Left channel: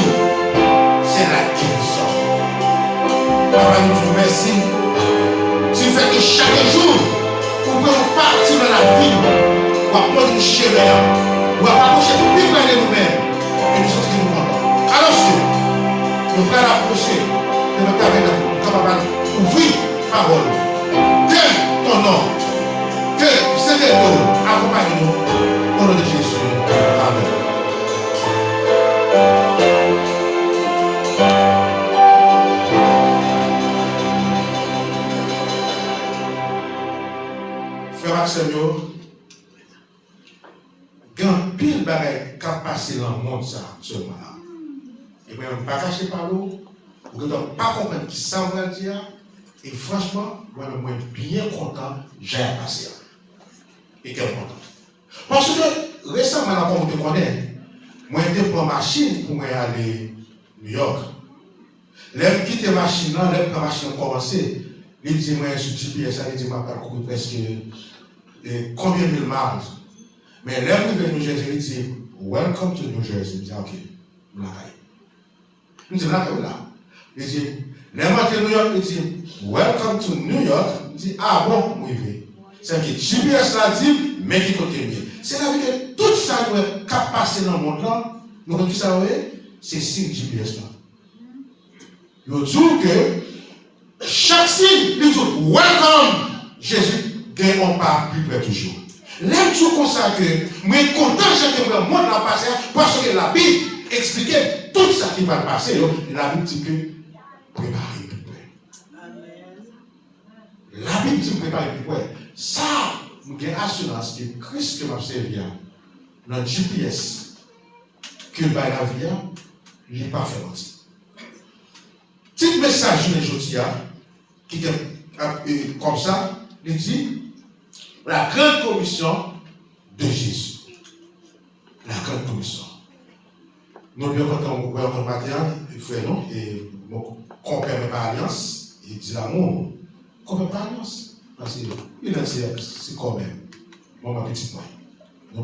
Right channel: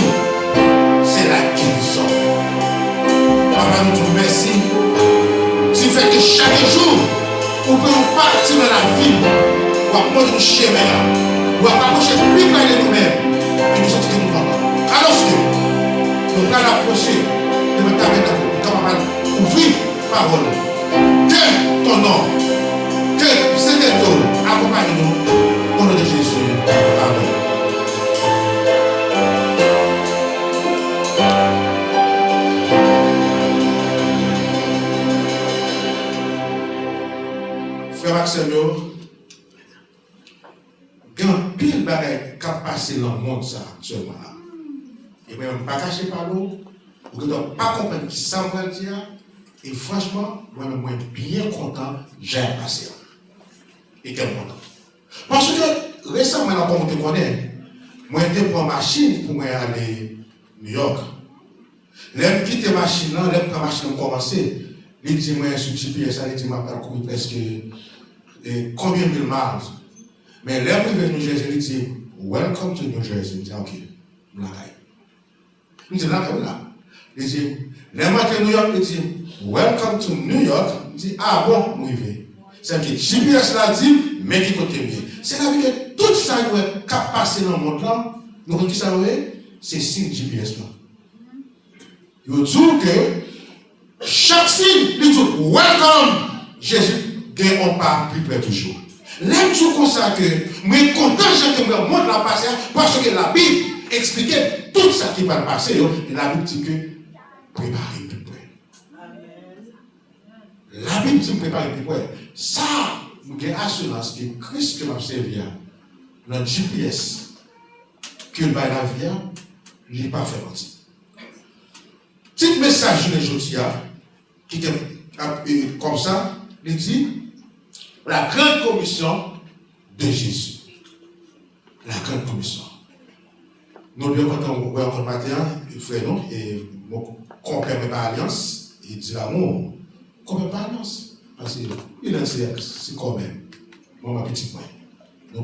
jour, c'est la guérison. Papa, nous te remercions. Tu fais que chaque jour, vous pouvez partir dans la ville, pour approcher le chemin, pour approcher plus près de nous-mêmes, et nous sommes qui nous vendons. Alors, nous allons approcher de notre tabernacle, capable d'ouvrir la parole. Que ton nom, que cet école accompagne-nous au nom de Jésus. Amen. Frère Maxime, il y a un pile de bagaille qui a passé dans le monde seulement là. Et bien, on ne va pas cacher par l'eau, on ne doit pas comprendre qui ça va dire. Et franchement, moi, je suis bien content de j'ai passé. Et quel content. Parce que récemment, comme vous connaissez, moi, j'étais pour machine pour aller à New York. Là, je quitte la machine, là, la machine a commencé. Il dit, moi, sur GPS, il dit, je m'appelle presque combien de mille miles. Mais là, je vais New Jersey, il dit, welcome to New Jersey. Il dit, ok, je il dit, là, il dit, les matins de New York, il dit, welcome to New York. Il dit, ah bon, moi, je vais. C'est que GPS l'a dit, mais qui côté mieux. C'est la vie que tout ça qui a passé dans le monde là, nous avons dit ça, c'est signe GPS là. Il dit que chaque signe, il dit, welcome, Jésus, on part plus près toujours. L'aime tout comme ça que, moi, content que le monde l'a passé, parce que la Bible expliquait tout ça qui va passer, et la Bible dit que préparez plus près. La Bible dit préparez plus près. Ça, j'ai assurance que Christ qui m'a servi, notre GPS, qu'il va la vie, il n'est pas fait mentir. Petit message de aujourd'hui, qui est comme ça, il dit la grande commission de Jésus. La grande commission. Nous bien quand on voit un matin, il fait non, et qu'on ne permet pas alliance, il dit l'amour, qu'on ne permet pas alliance. Parce qu'il a dit, c'est quand même. Moi, ma petite moi.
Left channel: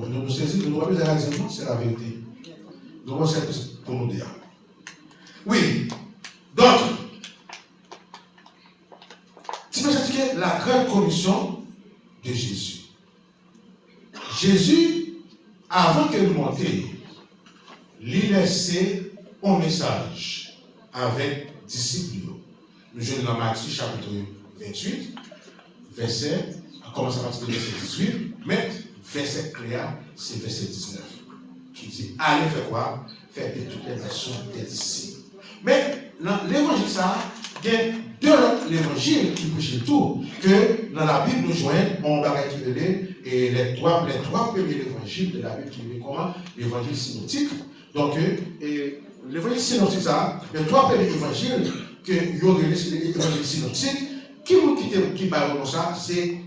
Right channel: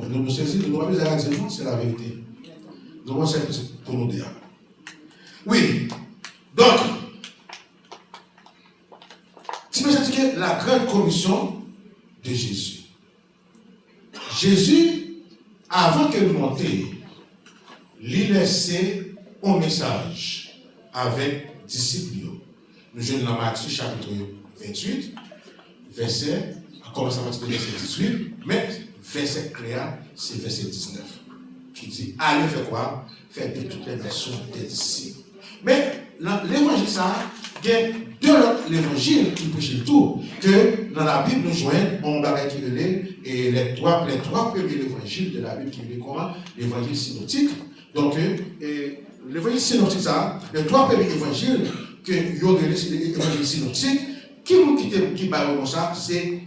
Nous saisissons, nous n'avons pas besoin de dire, c'est la vérité. Nous avons ça pour nous dire. Oui, donc, tu peux dire que la grande commission de Jésus. Jésus, avant qu'il monte, il laissait un message avec disciples. Nous jouons dans Matthieu chapitre 28, verset, on commence à partir de verset 18, mais verset clair, c'est verset 19, qui dit, allez faire quoi? Faire de toutes les nations des disciples. Mais dans l'évangile, ça, il y a deux autres évangiles qui prêchent tout, que dans la Bible, nous joignons, on va récupérer les trois premiers évangiles de la Bible qui est comment? L'évangile synoptique. Donc, l'évangile synoptique, ça, les trois premiers évangiles que il y aurait l'évangile synoptique, qui parle comme ça, c'est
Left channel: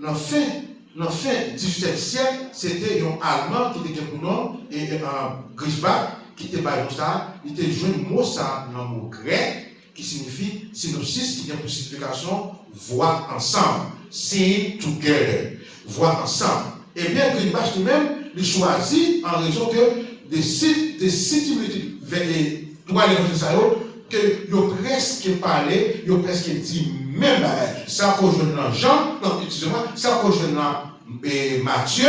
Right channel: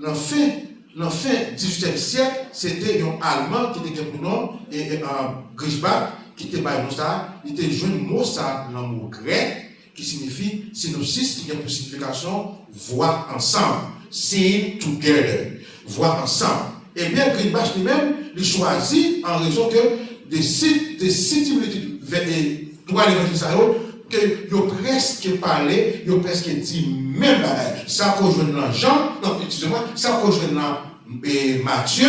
dans le fin du XVIIe siècle, c'était un Allemand qui était pour nom, et un Griesbach, qui était comme ça, il était joué le mot ça, le mot grec, qui signifie synopsis, qui a pour signification voir ensemble, see together, voir ensemble. Et bien, Griesbach lui-même, il choisit en raison que des similitudes trois l'évangile que yo presque parlé, yo presque dit même bagage. Ça rejoint dans Jean, non, excusez-moi, ça rejoint dans Matthieu,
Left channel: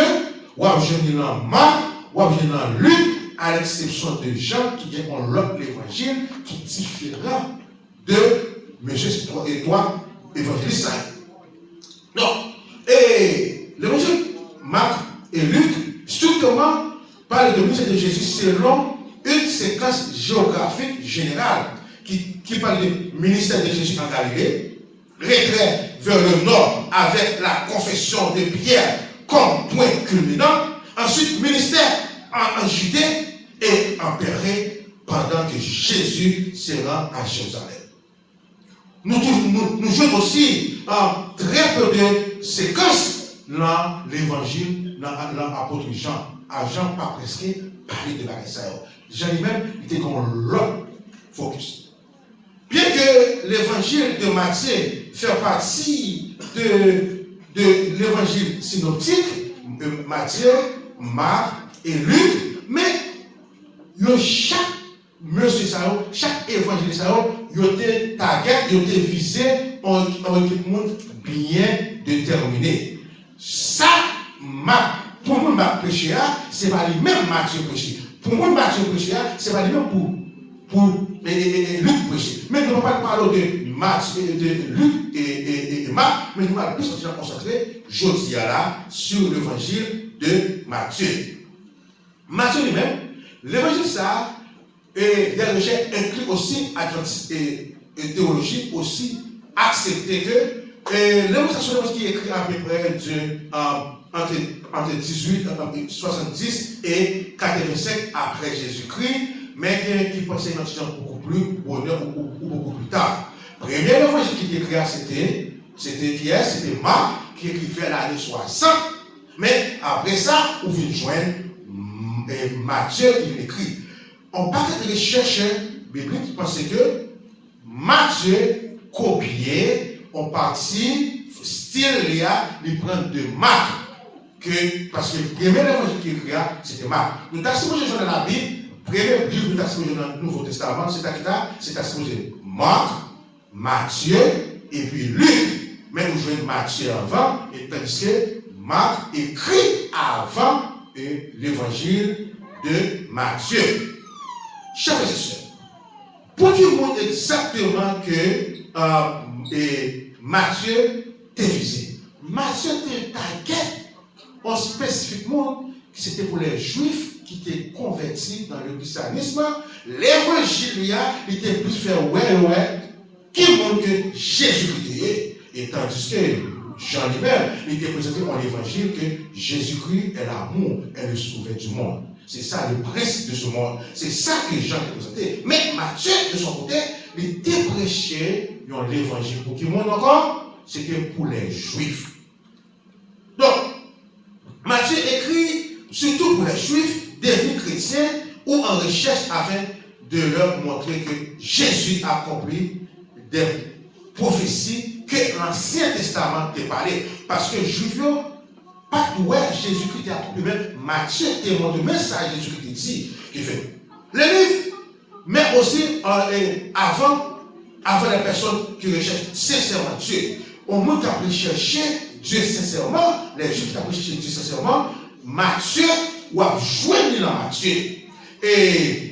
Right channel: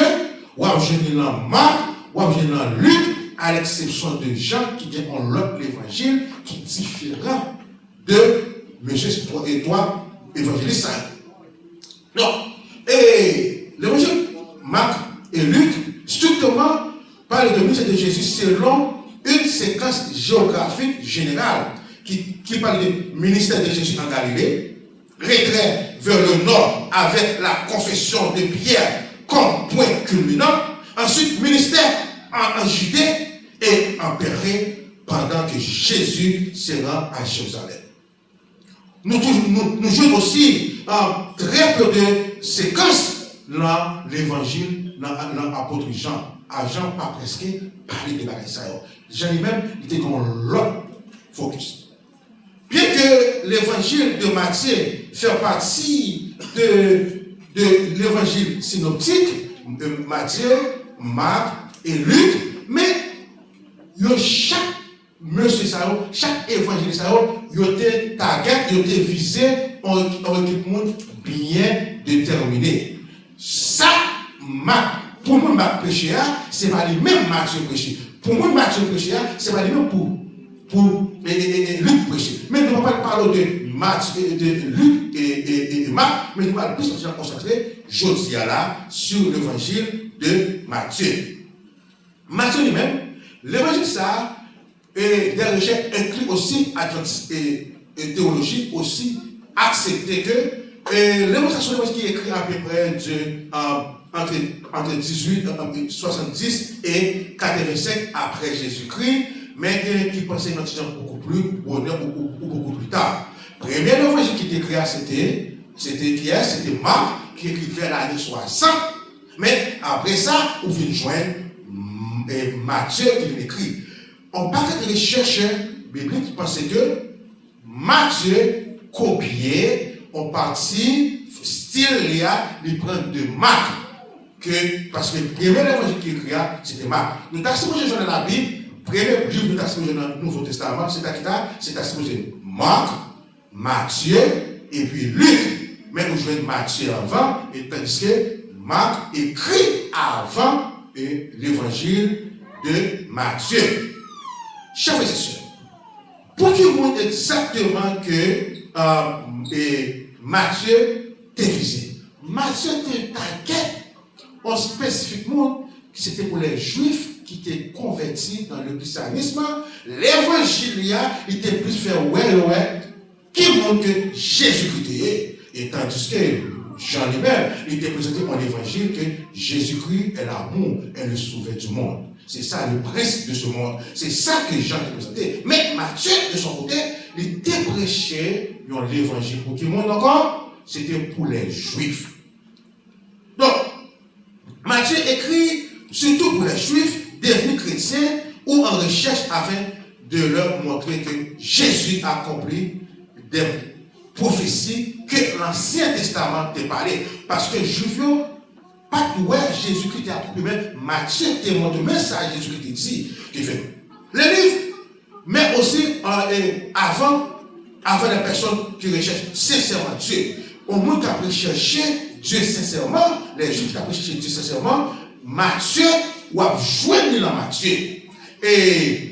ou rejoint dans Marc, ou rejoint dans Luc, à l'exception de Jean qui est en l'autre l'évangile qui est différent de Monsieur et toi, évangéliste. Non, et l'évangile Marc et Luc, strictement, parle de ministère de Jésus selon une séquence géographique générale qui parle du ministère de Jésus en Galilée, retrait vers le nord avec la confession de Pierre comme point culminant, ensuite ministère en Judée et en Pérée pendant que Jésus se rend à Jérusalem. Nous jouons aussi en très peu de séquences dans l'évangile, dans l'apôtre Jean. À Jean, pas presque, parler de la Israël. Jean lui-même était comme l'autre focus. Bien que l'évangile de Matthieu fait partie de l'évangile synoptique, Matthieu, Marc et Luc, mais chaque monsieur Sao, chaque évangile Sao, il était target, il était visé en équipe bien déterminé. Ça, pour moi, ma péché, c'est pas les mêmes Mathieu péché. Pour moi, Mathieu péché, c'est pas les mêmes pour Luc péché. Mais nous ne parlons pas de Mathieu, de Luc et Marc, mais nous allons plus consacrer jeudi là sur l'évangile de Matthieu. Matthieu lui-même, l'évangile ça, et des recherches incluent aussi et théologie aussi accepter que l'évangile qui est écrit à peu près entre 70 et 85 après Jésus-Christ, mais qui pensait beaucoup plus bonheur ou beaucoup plus tard. Premier évangile qui est écrit, c'était Marc qui écrivait l'année 60, mais après ça, on vient joindre Matthieu qui vient écrire. On parle de recherche biblique qui pensait que Matthieu copiait en partie style il prend de Marc, parce que le premier évangile qui écrit, c'était Marc. Nous avons dans la Bible, le premier livre nous avons dans le Nouveau Testament, c'est Marc, Matthieu et puis Luc. Mais nous jouons Matthieu avant, et tandis que Marc écrit avant l'évangile de Matthieu. Chers frères et sœurs, pour qu'il montre exactement que Matthieu était visé. Matthieu était target spécifiquement que c'était pour les Juifs qui étaient convertis dans le christianisme. L'évangile était plus fait qui montre que Jésus-Christ est. Et tandis que Jean lui-même, il était présenté dans l'évangile que Jésus-Christ est l'amour, est le sauveur du monde. C'est ça le principe de ce monde. C'est ça que Jean a présenté. Mais Matthieu, de son côté, il était prêché dans l'évangile. Pour qui monde encore? C'était pour les Juifs. Donc, Matthieu écrit surtout pour les Juifs devenus chrétiens ou en recherche afin de leur montrer que Jésus a accompli des prophéties que l'Ancien Testament t'a parlé. Parce que les Juifs, pas que Jésus-Christ a accompli, mais Matthieu témoigne de message Jésus-Christ dit, qui fait. Le livre, mais aussi avant les personnes qui recherchent sincèrement Dieu. Au monde qui a recherché Dieu sincèrement, les Juifs qui ont recherché Dieu sincèrement, Matthieu ou a joué dans Matthieu. Et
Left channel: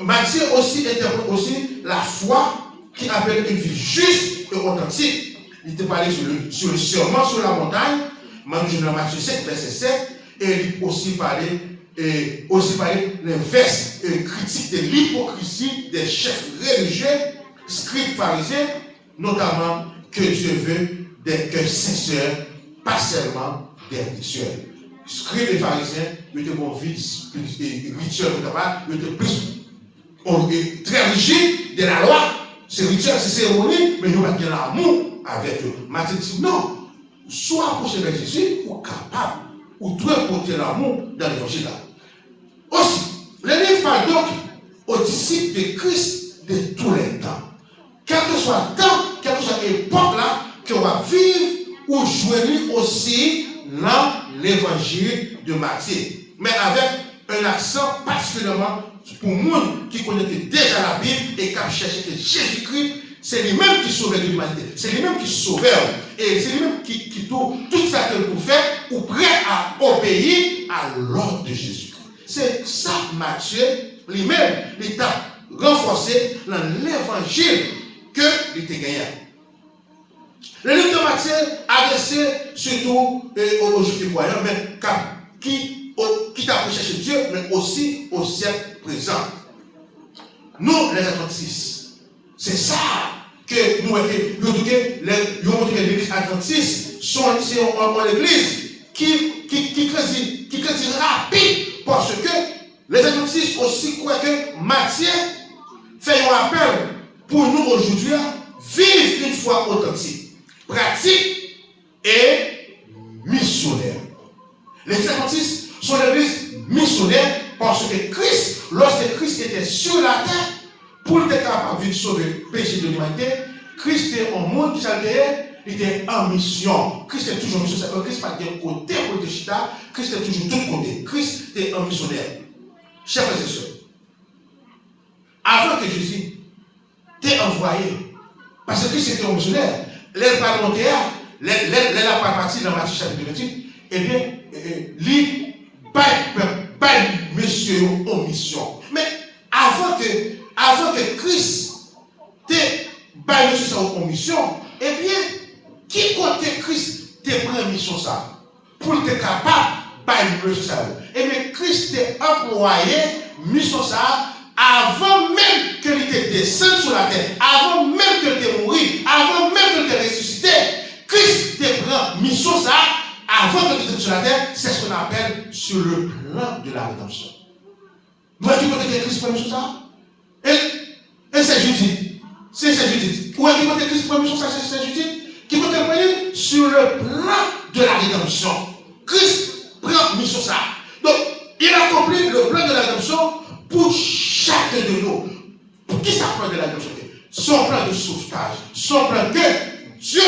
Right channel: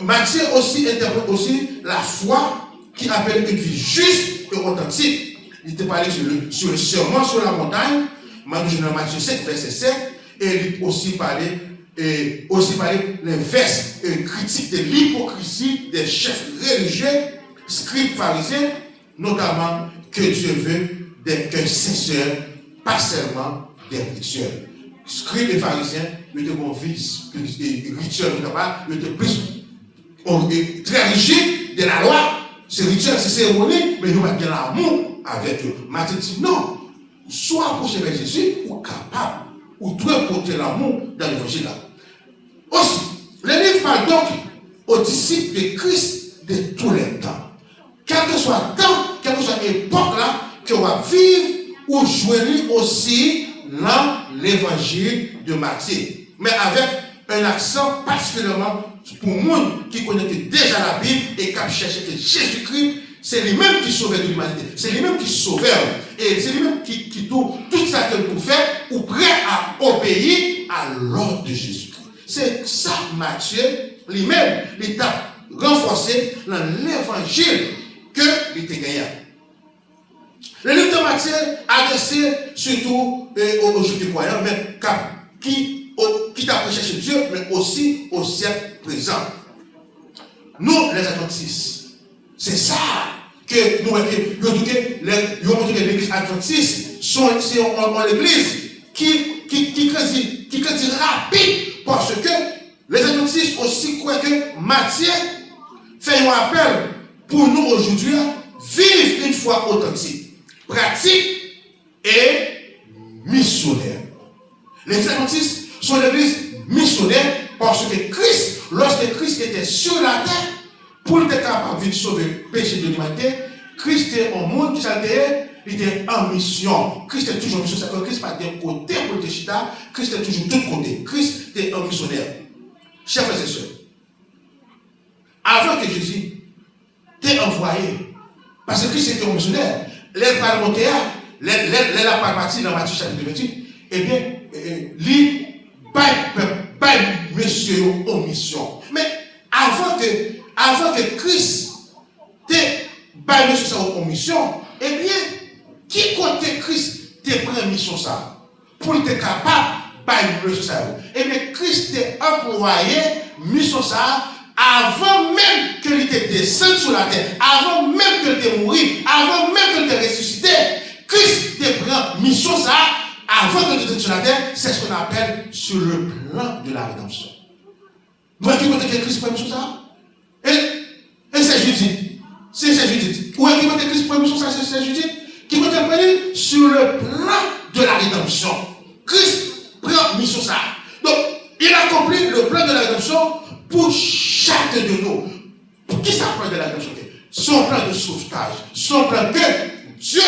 Matthieu aussi interprète aussi la foi qui appelle une vie juste et authentique. Il était parlé sur le serment sur la montagne, Matthieu 7, verset 7, et il aussi parlé les versets critiques de l'hypocrisie des chefs religieux, scribes pharisiens, notamment que Dieu veut des cœurs sincères, pas seulement des rituels. Scribes et pharisiens, ils étaient bon vice, rituels, ils étaient plus très rigides de la loi. C'est rituel, c'est cérémonie, mais ils n'ont pas de l'amour avec eux. Matthieu dit non, soit approché avec Jésus, ou capable, ou doit porter l'amour dans l'évangile là. Aussi, le livre parle donc aux disciples de Christ de tous les temps. Quel que soit le temps, quelle que soit l'époque là, qu'on va vivre ou jouer aussi dans l'évangile de Matthieu. Mais avec un accent particulièrement pour moi qui connaît déjà la Bible et qui a cherché que Jésus-Christ, c'est lui-même qui sauvait l'humanité. C'est lui-même qui sauvait. Et c'est lui-même qui tout ça que nous fait ou prêt à obéir à l'ordre de Jésus-Christ. C'est ça Matthieu lui-même, il t'a renforcé dans l'évangile que il t'a gagné. Le livre de Matthieu adressé surtout aux Juifs croyants, mais qui t'a recherché Dieu, mais aussi au siècle présent. Nous, les adventistes, c'est ça que nous l'église adventiste, c'est l'église qui crédit rapide, parce que les adventistes aussi croient que Matthieu fait un appel pour nous aujourd'hui vivre une foi authentique, pratique et missionnaire. Les adventistes sont l'église missionnaire parce que Christ, lorsque Christ était sur la terre, pour être capable de sauver le péché de l'humanité, Christ est en monde qui s'altérait, il était en mission. Christ est toujours en mission. C'est-à-dire que Christ n'est pas d'un côté pour le chita, Christ est toujours de l'autre côté. Christ est un missionnaire. Chers frères et sœurs, avant que Jésus t'ait envoyé, parce que Christ était un missionnaire, les parlementaires, les partie dans Matthieu chapitre 28, eh bien, lui, pas monsieur en mission. Mais avant que Christ t'ait pas monsieur en mission, eh bien, qui côté Christ te prend mission ça? Pour être capable de mission ça. Eh bien, Christ t'a employé mission ça avant même qu'il était descendu sur la terre, avant même qu'il était mort, avant même qu'il était ressuscité. Christ te prend mission ça avant qu'il était sur la terre. C'est ce qu'on appelle sur le plan de la rédemption. Vous voyez que Christ prend mission ça? Et c'est Judith. C'est Judith. Où est-ce que Christ prend mission ça? C'est Judith. Qui peut être sur le plan de la rédemption. Christ prend mission ça. Donc, il a accompli le plan de la rédemption pour chacun de nous. Pour qui ça plan de la rédemption? Son plan de sauvetage. Son plan que Dieu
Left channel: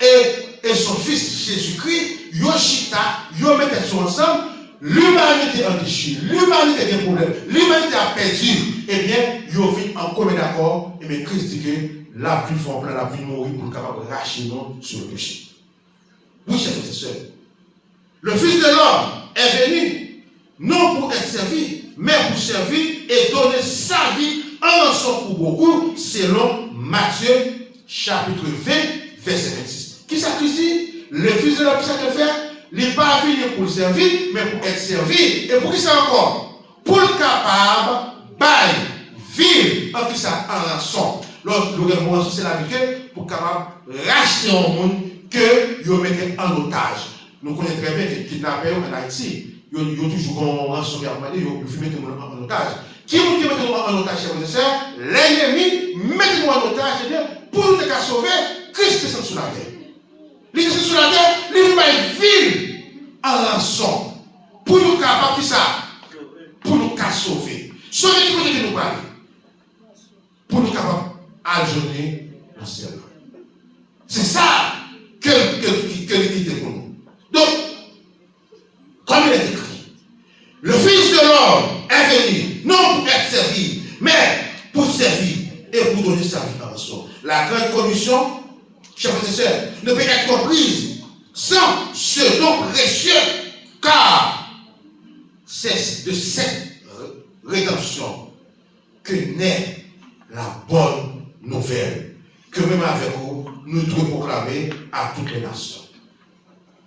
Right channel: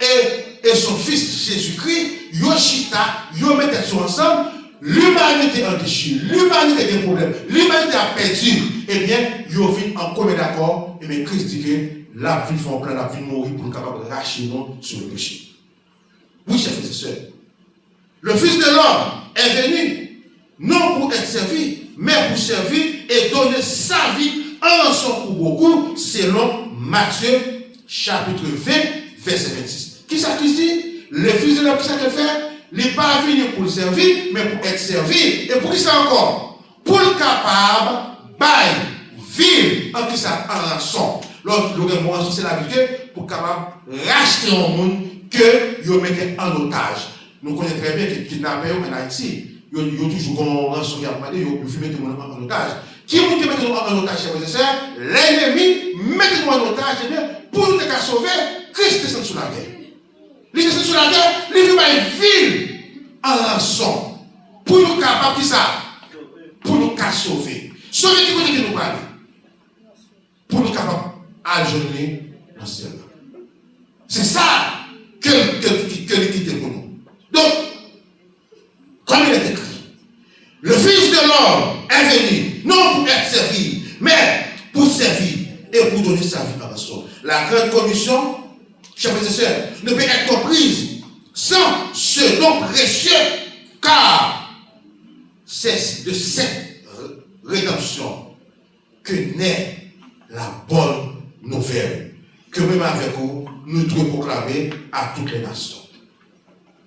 et son Fils Jésus-Christ, Yoshita, yo mettent ensemble. L'humanité a déchiré, l'humanité a des problèmes, l'humanité a perdu. Eh bien, yo vit en commun d'accord. Et bien, Christ dit que la vie fait un plan, la vie mourir pour être capable de racheter nous sur le péché. Oui, chers frères et sœurs. Le Fils de l'homme est venu, non pour être servi, mais pour servir et donner sa vie en rançon pour beaucoup, selon Matthieu, chapitre 20, verset 26. Qui ça Christ dit? Le Fils de l'homme, qui ça qu'il fait? Il n'est pas venu pour le servir, mais pour être servi. Et pour qui ça encore? Pour le capable, bail, ville, en qui ça en rançon. L'autre, c'est la vérité pour capable racheter un monde que vous mettez en otage. Nous connaissons très bien que les kidnappeurs en Haïti, ils ont toujours un rançon qui a demandé, ils ont mettez nous en otage. Qui vous met en otage, chers frères et sœurs? L'ennemi, mettez-nous en otage, eh bien, pour nous sauver, Christ est sous la guerre. Il est sous la guerre, il vit par une ville en rançon. Pour nous capables, qui ça? Pour nous sauver. Sauver qui côté que nous parlons? Pour nous capables ajourner le ciel. C'est ça que l'équité pour nous. Donc, comme il est écrit, le Fils de l'homme est venu, non pour être servi, mais pour servir et pour donner sa vie en rançon. La grande commission, chers frères et sœurs, ne peut être comprise sans ce don précieux, car c'est de cette rédemption que naît la bonne nouvelle, que même avec vous, nous devons proclamer à toutes les nations.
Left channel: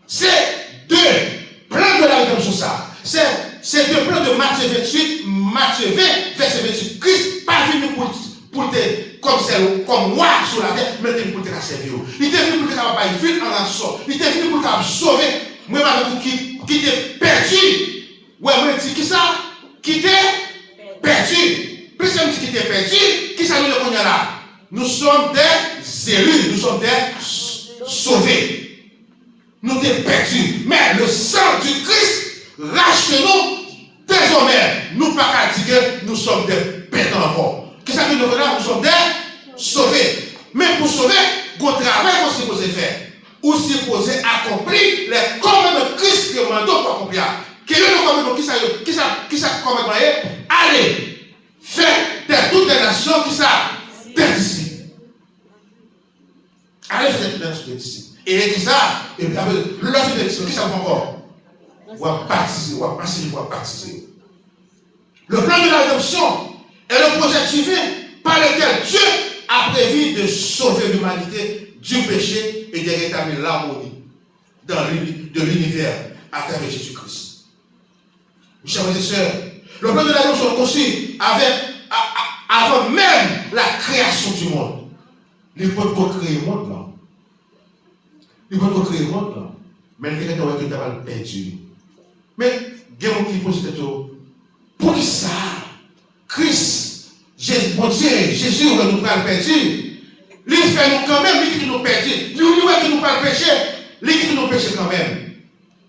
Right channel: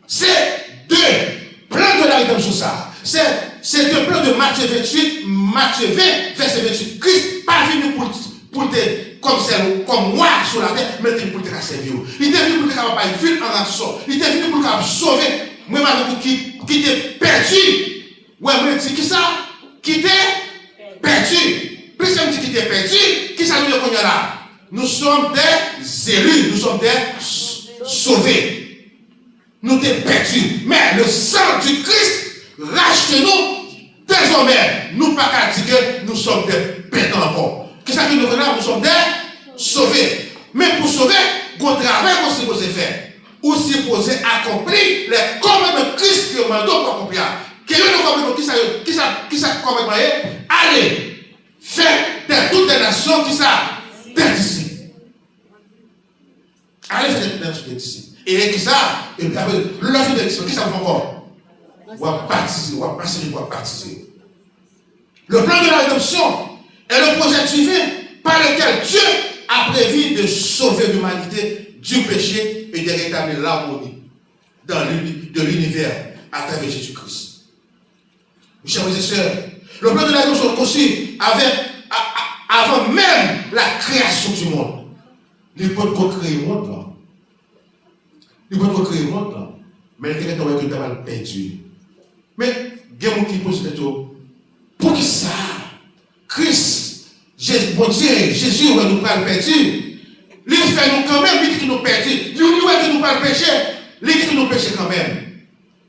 C'est deux plans de la rédemption, ça. C'est deux plans de Matthieu 28, Matthieu 20, verset 28. Christ pas venu pour te comme moi sur la terre, mais il est venu pour te servir. Il est venu pour te faire une ville en rançon. Il est venu pour te sauver. Moi, qui t'est perdu. Ouais, moi, je dis qui ça? Qui t'est perdu. Plus même dit qui t'est perdu, qui ça nous dit là? Nous sommes des élus, nous sommes des sauvés. Nous t'es perdus. Mais le sang du Christ rachète-nous. Désormais, nous pas qu'à dire que nous sommes des perdants encore. Qu'est-ce que nous faisons là? Nous sommes des sauvés. Mais pour sauver, qu'on travaille qu'on supposé faire. Ou supposé accomplir les commandements de Christ que nous demandons pour accomplir. Quel est le commandement qui ça commandement? Allez, faites de toutes les nations qui ça des disciples. Allez, faites de toutes les nations des disciples. Et qui ça? Et puis après, l'offre des disciples, qui ça vous encore? On va baptiser, on va passer, on va baptiser. Le plan de la rédemption est le projet divin par lequel Dieu a prévu de sauver l'humanité du péché et de rétablir l'harmonie de l'univers à travers Jésus-Christ. Mes chers frères et sœurs, le plan de la rédemption est conçu avant même la création du monde. Il peut co-créer le monde là. Il peut co-créer le monde là. Mais il y a quelqu'un qui est perdu. Mais il y a quelqu'un qui pose cette question. Pour qui ça? Christ, mon Dieu, Jésus, on nous parle perdu. Il fait nous quand même, il dit que nous perdus. Il dit que nous parle péché. Il dit que nous péchons quand même.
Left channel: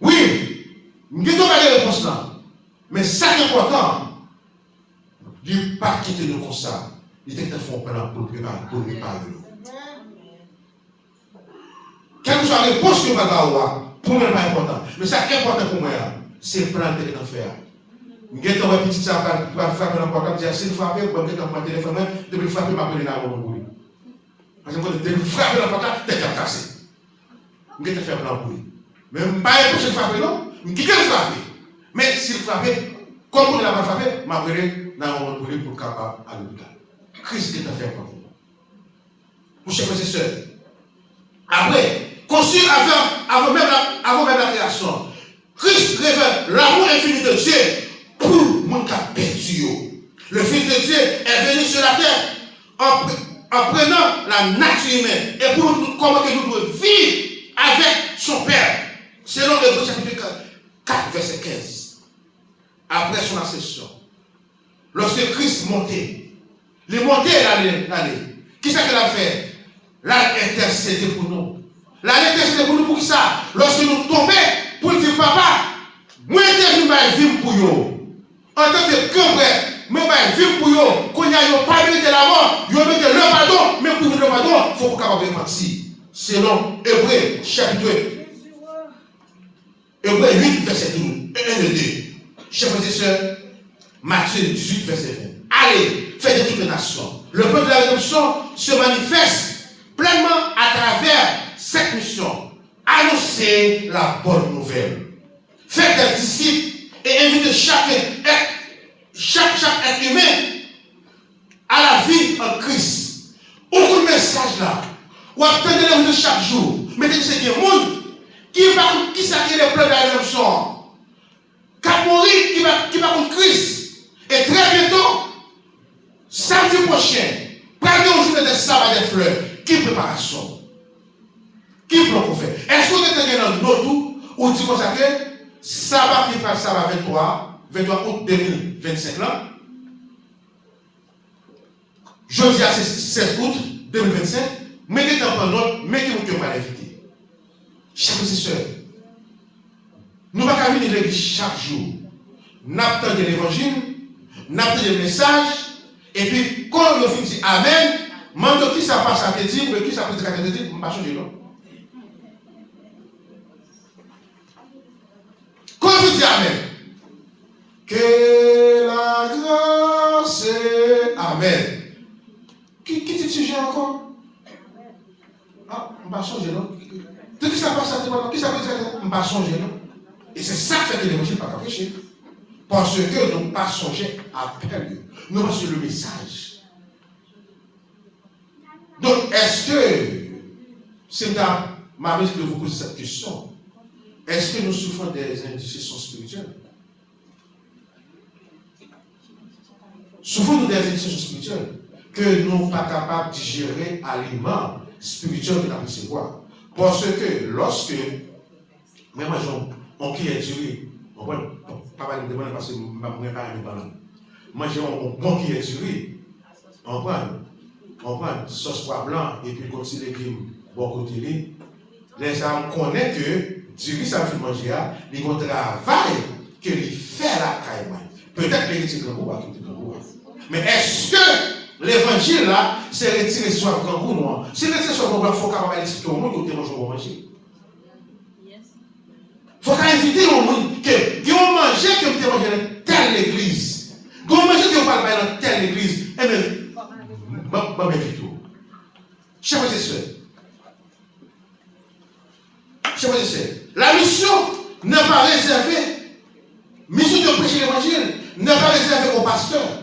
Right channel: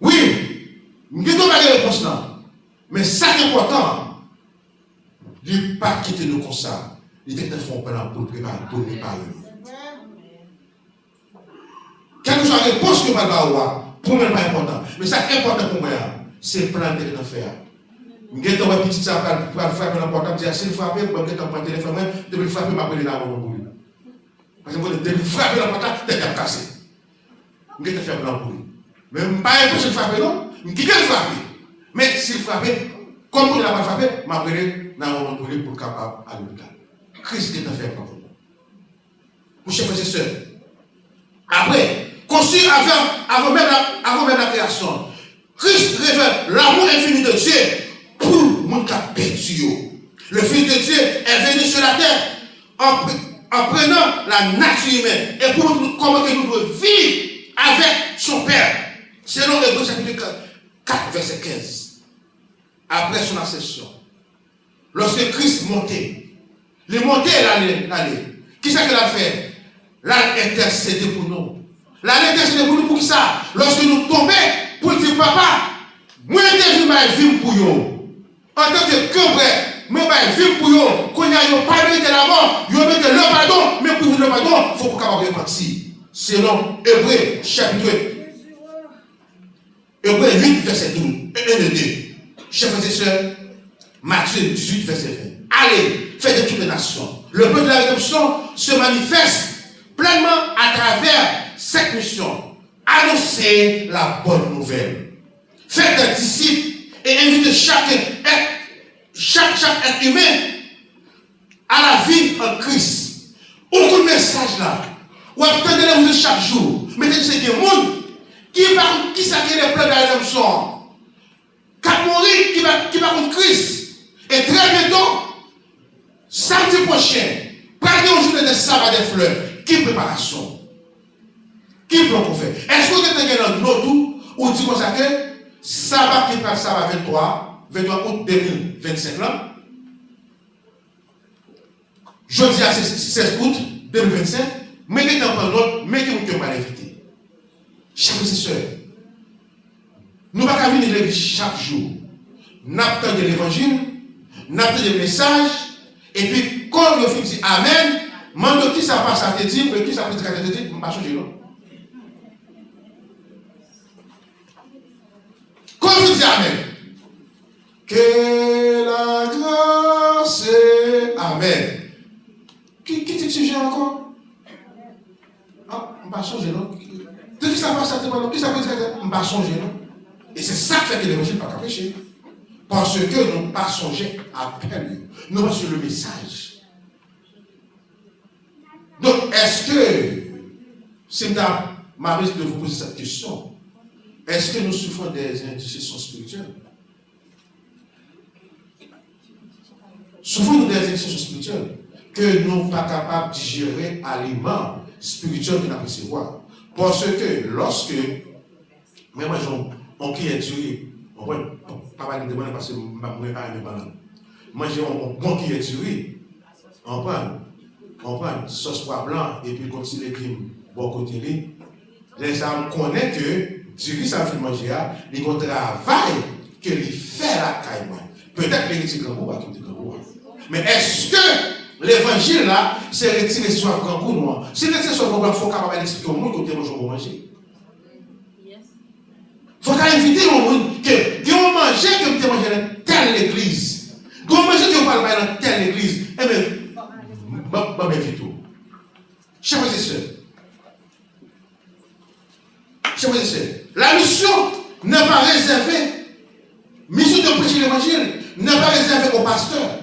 Oui, nous ne devons pas la réponse là. Mais ça qui est important, il ne pas quitter nous comme ça. Il était fait un plan pour préparer nous. Quelle que soit la réponse que je vais avoir, pour moi, ce n'est pas important. Mais ça qui est important pour moi, c'est le plan de faire. Je vais petit ça pour frapper dans le portable, dire s'il frappe, je vais prendre mon téléphone, je vais frapper ma collègue dans mon bruit. Parce que je vais frapper dans le portable, tu es cassé. Je vais te faire dans le bruit. Mais je ne vais pas empêcher de frapper, non? Je vais quitter le frapper. Mais s'il frappe, comme on n'a pas frappé, je vais prendre dans mon bruit pour capable à l'hôpital. Christ qui t'a fait pour vous. Mon chers frères et sœurs. Après, conçu avant même la création, Christ révèle l'amour infini de Dieu pour mon cas perdu. Le Fils de Dieu est venu sur la terre en prenant la nature humaine et pour nous, comment que nous devons vivre avec son Père. Selon Hébreux chapitre 4, verset 15. Après son ascension, lorsque Christ montait, il montait l'année. Qui c'est qu'il a fait? Là, intercédé pour nous. Là, intercédé pour nous pour ça. Lorsque nous tombons, pour dire, papa, moi, je vais vivre pour vous. En tant que grand-père, moi, je vais vivre pour vous. Quand il n'y a pas mérité la mort, il y a mérité le pardon, mais pour le pardon, il faut qu'on capable de repartir. Selon Hébreux, chapitre 8, verset 12, 1 et 2. Chers frères et sœurs, Matthieu 18, verset 20. Allez, faites de toutes les nations. Le peuple de la rédemption se manifeste pleinement à travers cette mission. Annoncez la bonne nouvelle. Faites des disciples et invitez chaque être humain à la vie en Christ. Ouvrez le message là. Ou attendez le chaque jour. Mais c'est qu'il y a des gens qui s'acquit les plans de la rédemption. Qui mourir, qui va contre Christ. Et très bientôt, samedi prochain, prenez un jour de sabbat des fleurs. Qui préparation? Qui plan qu'on fait? Est-ce que vous êtes dans nos tours ou dit comme ça que sabbat qui passe sabbat 23 août 2025 là? Jeudi à 16 août 2025, mettez un peu note, mettez-vous que pas l'inviter. Chers frères et sœurs, nous ne pouvons pas venir à l'église chaque jour. Nous attendons l'évangile, nous attendons le message, et puis quand le fils dit Amen, demande qui ça passe à te dire, qui ça passe à te dire, je ne vais pas changer non. Quand je dis Amen, que la grâce est Amen. Qui dit le sujet encore? Ah, je ne vais pas changer non. Qui ça passe à te dire, qui ça passe à te dire, je ne vais pas changer non. Et c'est ça qui fait que l'évangile n'est pas prêcher. Parce que nous ne pas songer à peine. Nous pas sur le message. Donc, est-ce que, c'est ma mise de vous poser cette question, est-ce que nous souffrons des indiscrétions spirituelles? Souffrons-nous des indiscrétions spirituelles que nous ne sommes pas capables de digérer aliment spirituel que nous avons recevoir. Parce que lorsque, même on qui est duré, on va pas me demander parce que je ne vais pas me demander. Moi, j'ai un bon qui est duré, on prend sauce pois blanc et puis continue les crimes bon côté. Les gens connaissent que du riz, ça fait manger, il y a un travail que il fait la caille. Peut-être qu'il est grand goût, mais est-ce que l'évangile là, c'est retirer ce soit grand goût noir? Si retirer ce soit grand goût, il faut capable d'expliquer au monde côté manger. Il faut inviter au monde que vous mangez que vous mangez dans telle église. Vous mangez que vous parlez dans telle église. Eh bien, je m'invite. Chers frères et sœurs, la mission n'est pas réservée. Mission de prêcher l'évangile n'est pas réservée aux pasteurs.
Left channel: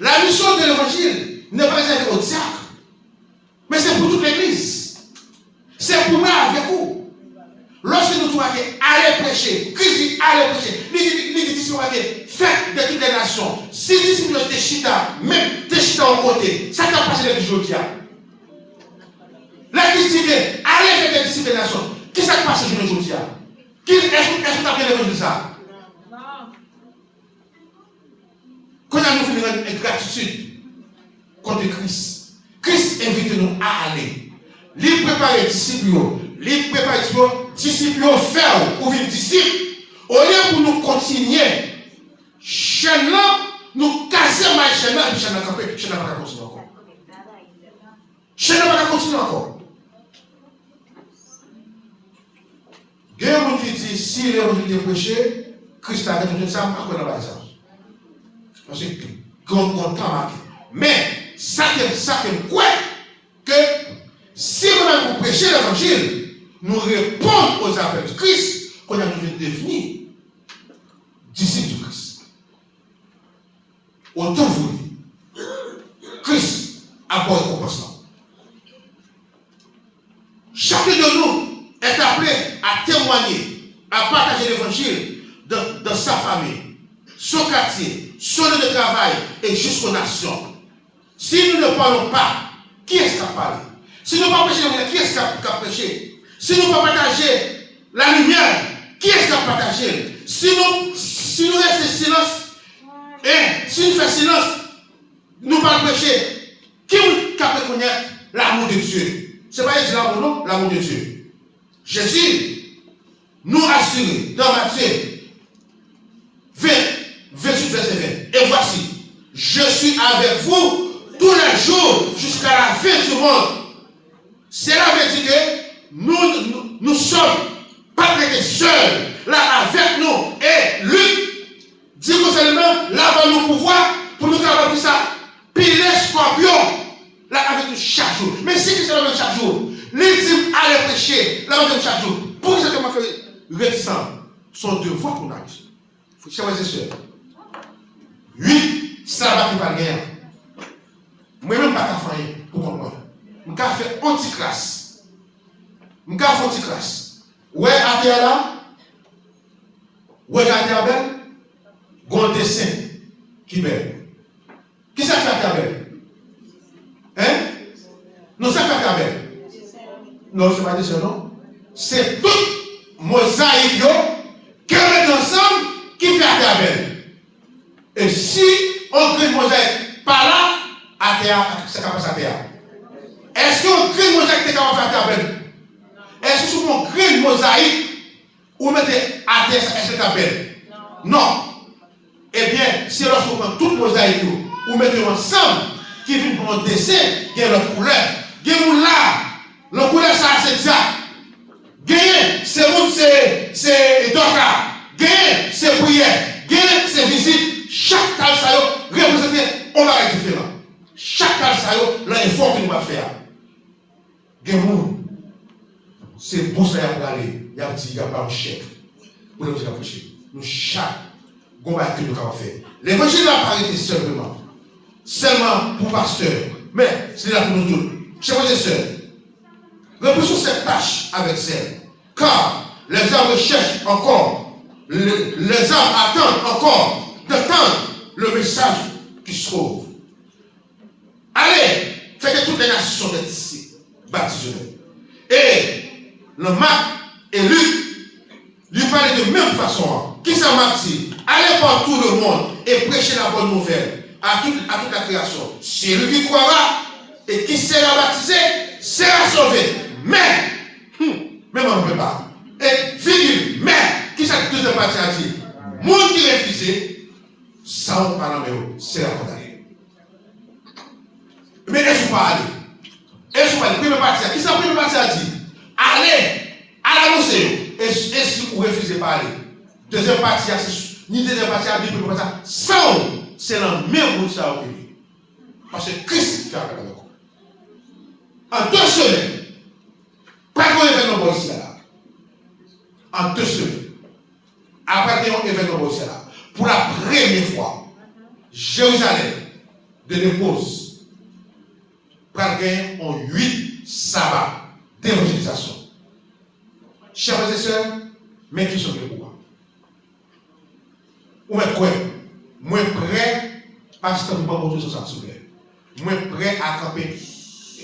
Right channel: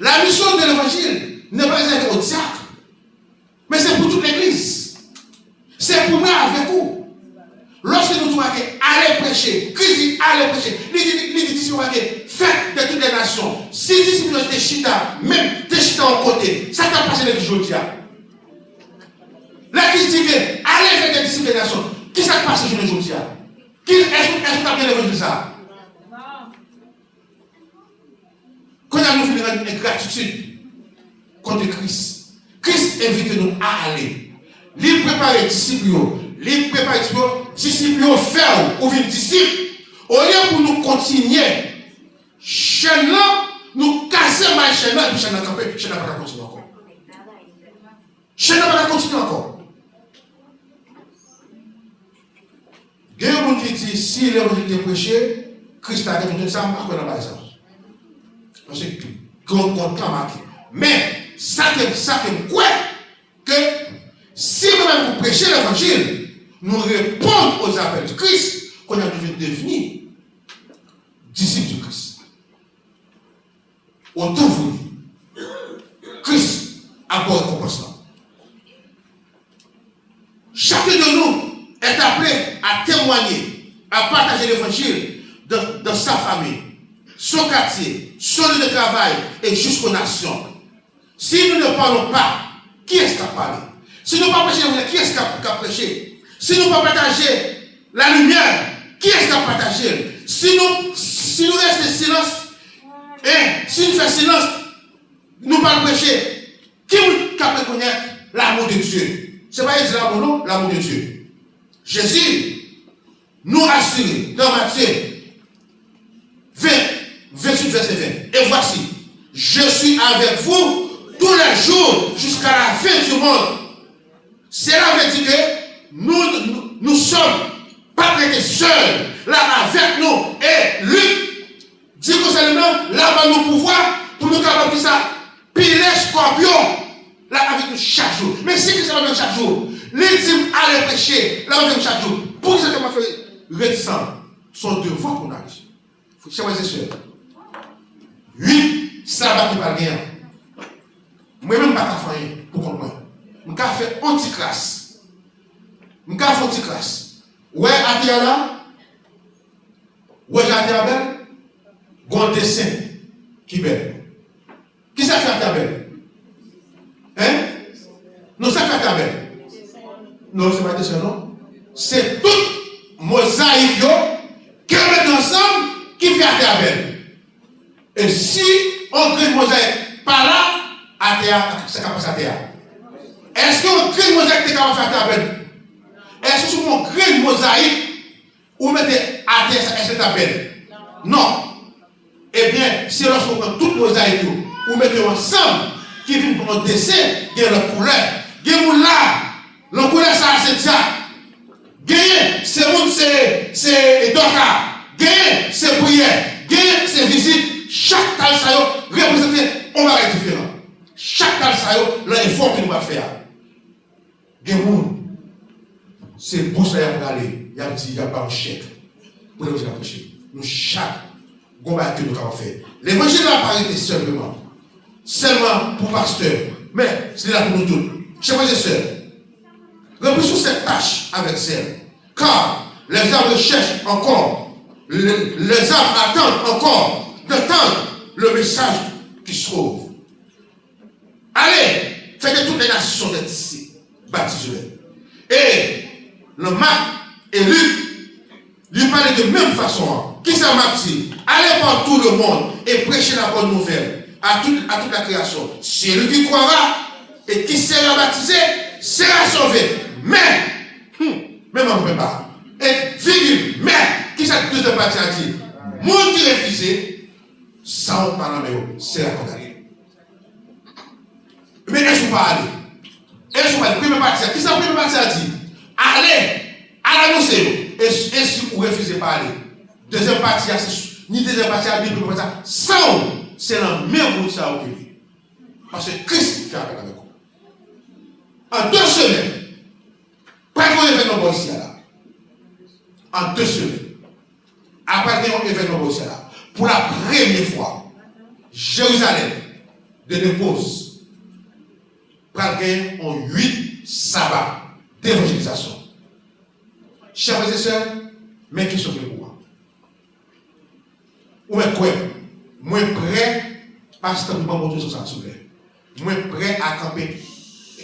La mission de l'évangile n'est pas réservée aux diacres. Mais c'est pour toute l'église. C'est pour moi avec vous. Lorsque nous trouvons allez prêcher, Christ dit allez prêcher, il dit faites de toutes les nations. Si disciples de chita, même de chita en côté, ça t'a passé l'église aujourd'hui. Là, Christ dit allez faire des disciples des nations. Qui s'est passé aujourd'hui? Est-ce que tu as bien l'évangile ça? Quand nous voulons une gratitude contre Christ, Christ invite nous à aller. Il prépare les disciples, il prépare les disciples faire ou une disciple. Au lieu pour nous continuer, chaîne là, nous casser ma chaîne là, et puis chaîne n'a pas continuer encore. Chaîne n'a pas continuer encore. Il y a des gens qui disent si l'évangile est prêché, Christ a dit ça, pas qu'on a pas ça. Parce que qu'on marqué. Mais ça que quoi que si nous prêchons l'évangile, nous répondons aux appels de Christ, qu'on a devenu devenir disciples du Christ. Autant voulu, Christ a pour récompense. Chacun de nous est appelé à témoigner, à partager l'évangile dans sa famille, son quartier, son lieu de travail et jusqu'aux nations. Si nous ne parlons pas, qui est-ce qui a parlé? Si nous ne parlons pas prêcher, qui est-ce qui a prêché? Si nous ne parlons pas partager la lumière, qui est-ce qui a partagé? Si nous restons silence, et si nous faisons silence, nous ne parlons pas prêcher, qui a reconnaître l'amour de Dieu? Ce n'est pas l'amour, non, l'amour de Dieu. Jésus nous assure dans Matthieu 20, 28, verset 20. Et voici, je suis avec vous tous les jours jusqu'à la fin du monde. Cela veut dire que nous sommes pas prêtés seuls, là avec nous. Et Luc dit que seulement là-bas nous pouvoir pour nous capables de ça, piler scorpion. Là avec nous chaque jour. Mais si c'est la même chaque jour, les dîmes allaient prêcher, là avec nous chaque jour. Pour que ça m'a fait réticent, sont devoirs qu'on a ici. Chers frères et sœurs, oui, ça va nous parler. Moi-même, pas qu'à faire pour comprendre. Je vais faire anti-classe. Je vais faire anti-classe. Ouais, à terre là, ouais, à terre belle, un dessin qui est belle. Qui ça fait à terre belle? Hein? Non, ça fait à belle. Non, ce n'est pas un dessin, non. C'est toute mosaïque qui met ensemble qui fait à terre belle. Et si on crée une mosaïque par là, à terre, c'est capable de terre. Est-ce qu'on crée une mosaïque qui est capable de faire terre belle? Est-ce qu'on crée une mosaïque ou mettez à terre, c'est terre belle? Non. Eh bien, si lorsqu'on prend toute mosaïque ou mettez ensemble, qui vient pour un dessin, il y a une couleur. Il y a une là. La couleur, ça, c'est ça. Gagner, c'est Doka. Gagner, c'est prière. Gagner, c'est visite. Chaque tal ça représente un bagage différent. Chaque tal ça l'effort que nous va faire. Gagner, c'est pour ça qu'il y a aller. Il y a petit, il n'y a pas un chèque. Pour les gens approcher. Nous, chaque combat que nous avons fait. L'évangile n'a pas été seulement pour pasteur. Mais c'est là pour nous tous. Chers frères et sœurs, remplissons cette tâche avec celle. Car les âmes recherchent encore, les âmes attendent encore d'entendre le message qui se trouve. Allez, faites toutes les nations d'être ici, baptisez-les. Et le Marc et Luc lui parlaient de même façon. Qui ça Marc dit? Allez par tout le monde et prêchez la bonne nouvelle à toute la création. Celui qui croira et qui sera baptisé sera sauvé. Mais, même on ne peut pas. Et virgule, mais, qui cette deuxième partie a dit? Monde qui refusé, ça on parle mais c'est la condamnée. Mais est-ce qu'on pas aller? Est-ce qu'on pas aller? Première partie, qui ça première partie a dit? Allez, à l'annoncer. Et si vous refusez pas aller? Deuxième partie, ni deuxième partie, ni première partie, ça c'est la même chose ça au pays. Parce que Christ fait appel avec vous. En 2 semaines, pas qu'on événement ici là. En 2 semaines, après qu'on événement ici là, pour la première fois, Jérusalem de dépose par gagner en 8 sabbats d'évangélisation. Chers frères et sœurs, mes questions pour vous. Ou est quoi? Moi prêt, parce que je ne peux pas monter sur ça. Moi prêt à camper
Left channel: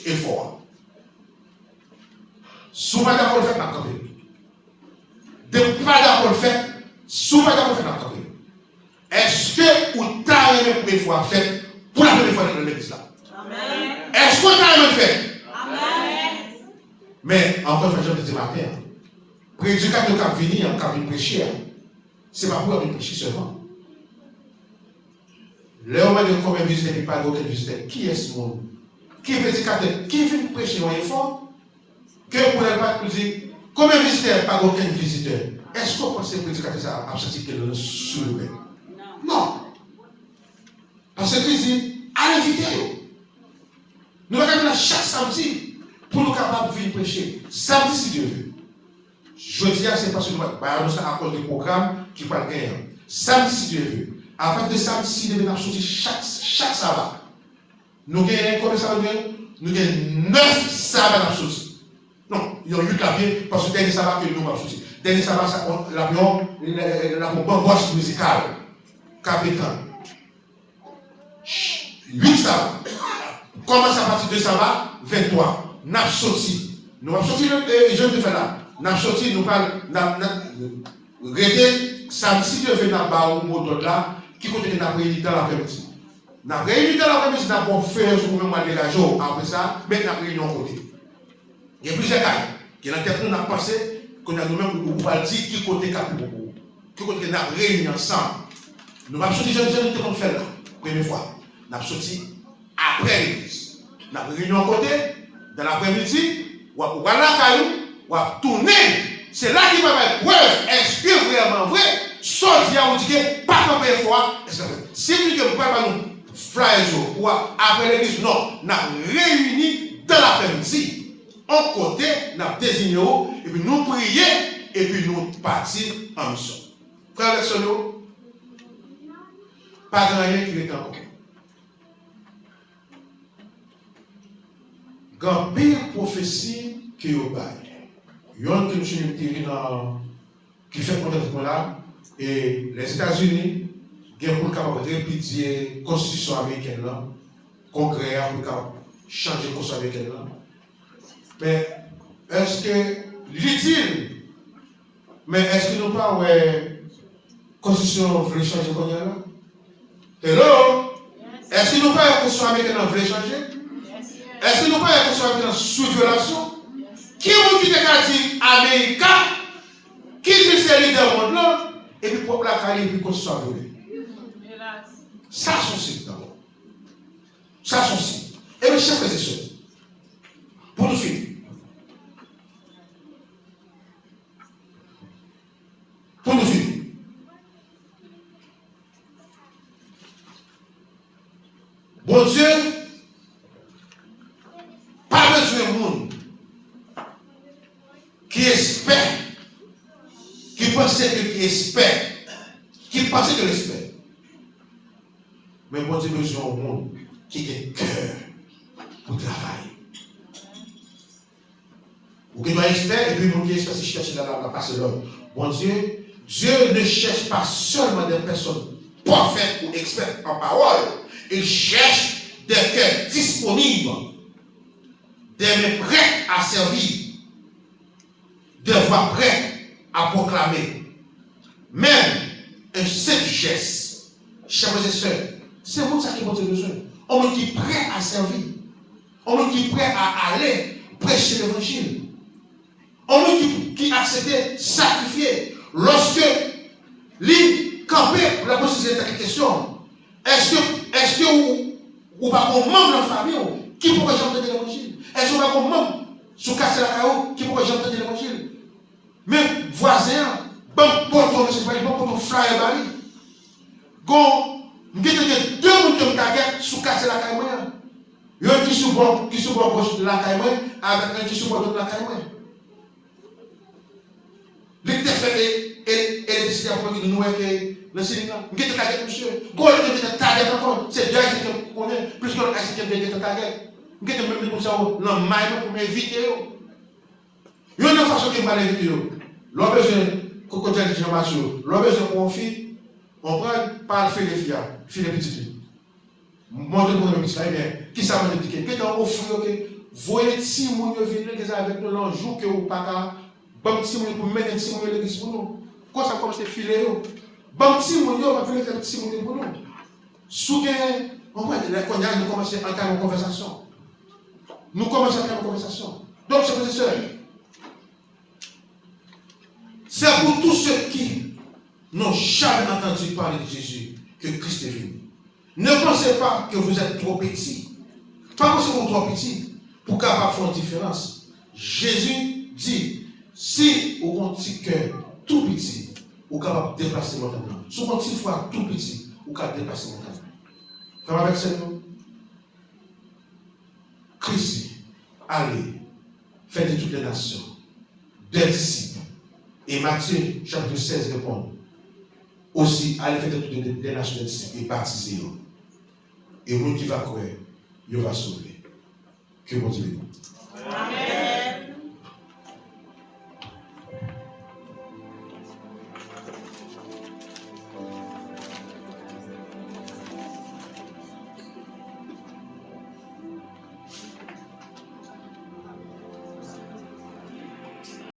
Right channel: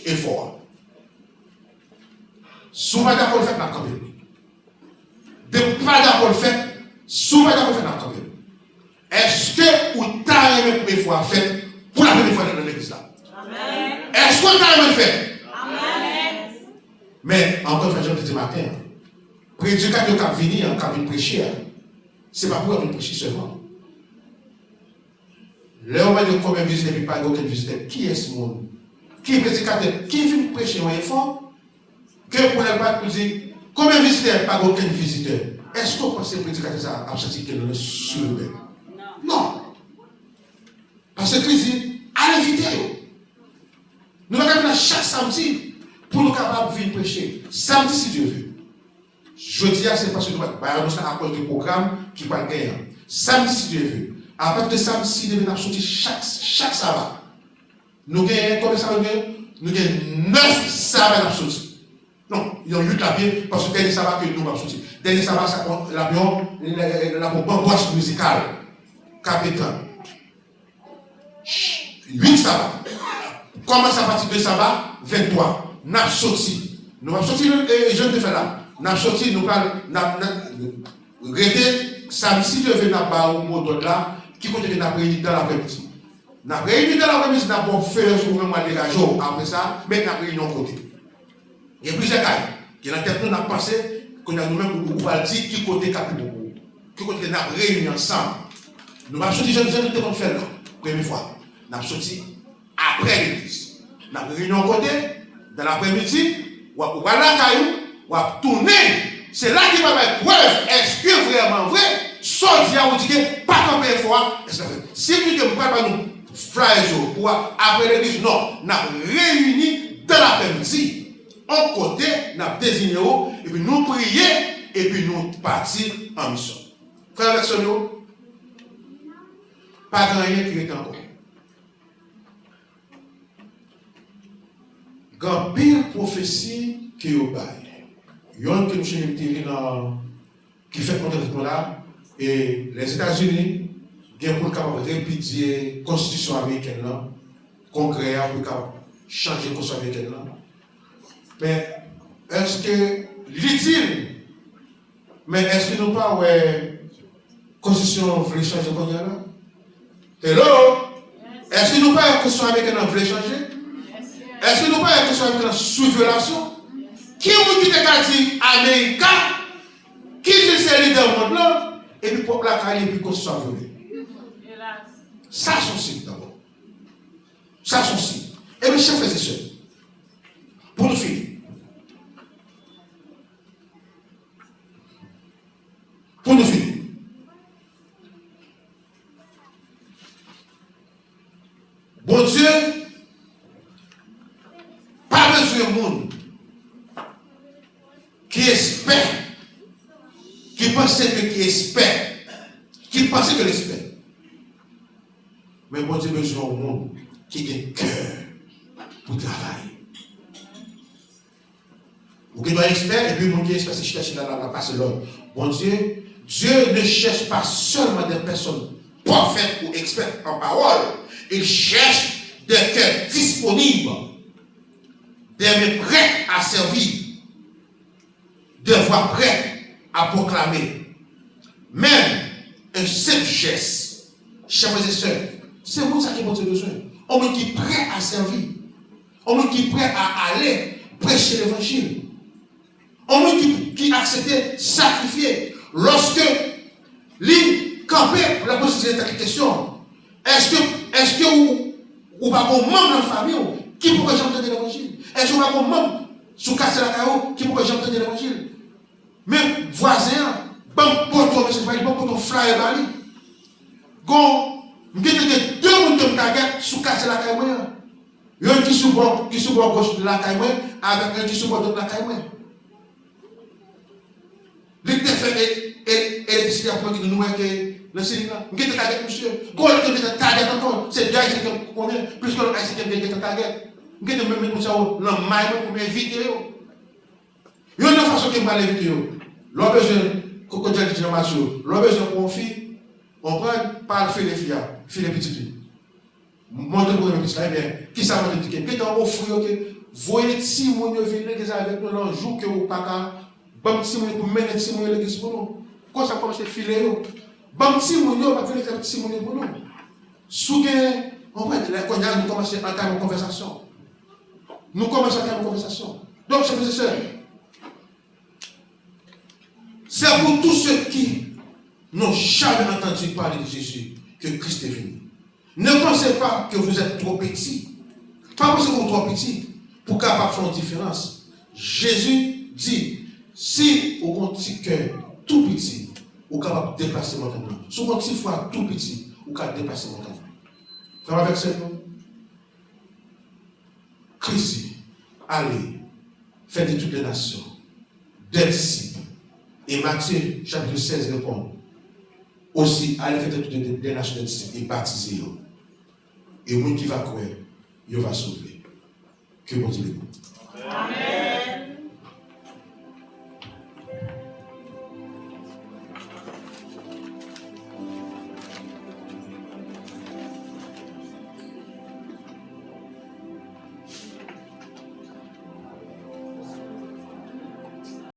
effort. Si vous n'êtes pas d'accord le fait, n'a camper. De pas d'accord le fait, si vous n'êtes pas d'accord le fait, n'a camper. Est-ce que vous avez la première fois fait pour la première fois dans l'église là? Amen. Est-ce que vous avez le fait? Amen. Mais encore une fois, je vous dis matin, prédicateur qui vient venir prêcher, ce n'est pas pour venir prêcher seulement. Le moment de combien de visiteurs et pas d'autres visiteurs, qui est ce monde? Qui est prédicateur? Qui vient prêcher un effort? Que pour les pas dire combien de visiteurs et pas aucun visiteur? Est-ce que vous pensez que le prédicateur a senti qu'il est sur le bain? Non. Parce que Christ dit, allez inviter. Nous allons venir chaque samedi pour nous capables de venir prêcher. Samedi si Dieu veut. Jeudi, c'est parce que nous avons à cause du programme qui va gagner. Samedi si Dieu veut. À partir de samedi, si Dieu veut, nous allons sortir chaque sabbat. Nous gagnons combien de sabbats? Nous gagnons 9 sabbats à sortir. Non, il y a 8 la bien parce que le dernier sabbat que nous avons sorti. Le dernier sabbat, l'avion, la bamboche musicale. Capécan. 8 sabbats. Commence à partir de sabbat, 23. Nous avons sorti. Nous avons sorti, je vais faire là. Nous avons sorti, nous parlons, regardez, samedi, Dieu veut nous mot là, qui continue à réunir dans l'après-midi. Nous avons réuni dans l'après-midi, nous avons fait un jour, même des jours après ça, mais nous avons réuni en côté. Il y a plusieurs cas qui dans la tête nous avons pensé qu'on a nous-mêmes nous va dire qui côté capi beaucoup. Qui côté nous avons réuni ensemble. Nous avons sorti, je ne sais pas faire là, première fois. Nous avons sorti après l'église. Nous avons réuni en côté, dans l'après-midi, ou à la caillou, ou à tourner. C'est là qu'il va être preuve. Est-ce que vraiment vrai? Sorti à vous dire que pas comme première fois. Si vous dites que vous ne pouvez pas nous flyer pour après l'église, non. Nous avons réuni dans l'après-midi. En côté, nous avons désigné et puis nous prions et puis nous partir en mission. Frère Alexandre, pas grand rien qui est encore. Quand pile prophétie qui est au bail. Il y a une que nous qui fait contre là, et les États-Unis, ils sont capables de répudier la constitution américaine, là, congrès, pour changer la constitution américaine. Là. Mais est-ce que l'utile, mais est-ce que nous pas ouais constitution voulait changer comme là? Hello? Est-ce que nous pas la constitution américaine voulait changer? Est-ce que nous pas la constitution américaine sous violation? Qui vous qui te dit Américain, qui dit c'est leader monde là, et puis pour la carrière et puis constitution violée. Ça sont signe d'abord. Ça sont signe. Et mes chers frères et sœurs, pour nous finir. Pour nous finir. Bon Dieu, pas besoin de monde qui espère, qui pensait que qui espère, qui pensait que l'espère. Mais bon Dieu besoin au monde qui a un cœur pour travailler. Ou qui doit expert, et puis mon Dieu espère si cherche la passe l'homme. Bon Dieu, Dieu ne cherche pas seulement des personnes parfaites ou expertes en parole. Il cherche des cœurs disponibles, des mains prêts à servir, des voix prêtes à proclamer. Même un seul geste, chers frères et sœurs, c'est moi ça qui a besoin. On me dit prêt à servir. On me dit prêt à aller prêcher l'évangile. On me dit qui accepte sacrifier. Lorsque l'île campait pour la poser cette question, est-ce que ou pas qu'on membre de la famille qui pourrait jamais donner l'évangile? Est-ce que pas qu'on membre sous casser la caillou qui pourrait jamais donner l'évangile? Même voisin, bon pour monsieur Bali, bon pour ton frère Bali. Gon, m'gé deux moun qui m'tagette sous casser la caillou. Yon qui sous bord gauche de la caillou avec un qui sous bord de la caillou. L'été fait et les décideurs pour dire nous que le Sénégal, m'gé te tagette monsieur. Gon le te tagette encore, c'est déjà ici que connaît plus que ici que m'gé te tagette. M'gé te même comme ça dans maille pour m'inviter yo. Yon une façon que m'a inviter yo. L'on besoin coco de Jean-Mathieu, l'on besoin pour une fille, on prend par le les filles, fille les petites. Montre pour les petites là, bien, qui ça va te dire? Quelqu'un offre que voyez si mon venir avec nous l'enjou que vous pas qu'à bon si mon pour mettre si mon l'église pour nous. Quand ça commence à filer yo. Bon si mon yo va venir si mon pour nous. Sous on va quand nous commencer à entrer en conversation. Nous commençons à entrer en conversation. Donc chers frères et sœurs, c'est pour tous ceux qui n'ont jamais entendu parler de Jésus que Christ est venu. Ne pensez pas que vous êtes trop petit. Pas parce que vous êtes trop petit pour capable faire une différence. Jésus dit, si vous avez un petit cœur tout petit, vous êtes capable de déplacer mon montagne. Si vous avez un petit foie tout petit, vous êtes capable de déplacer mon montagne. Frère avec ça, nous. Christ, allez, faites de toutes les nations, des disciples. Et Matthieu, chapitre 16, répond. Aussi, allez, faites de toutes les nations, des disciples, et baptisez-vous. Et moi qui va croire, il va sauver. Que bon Dieu. Amen.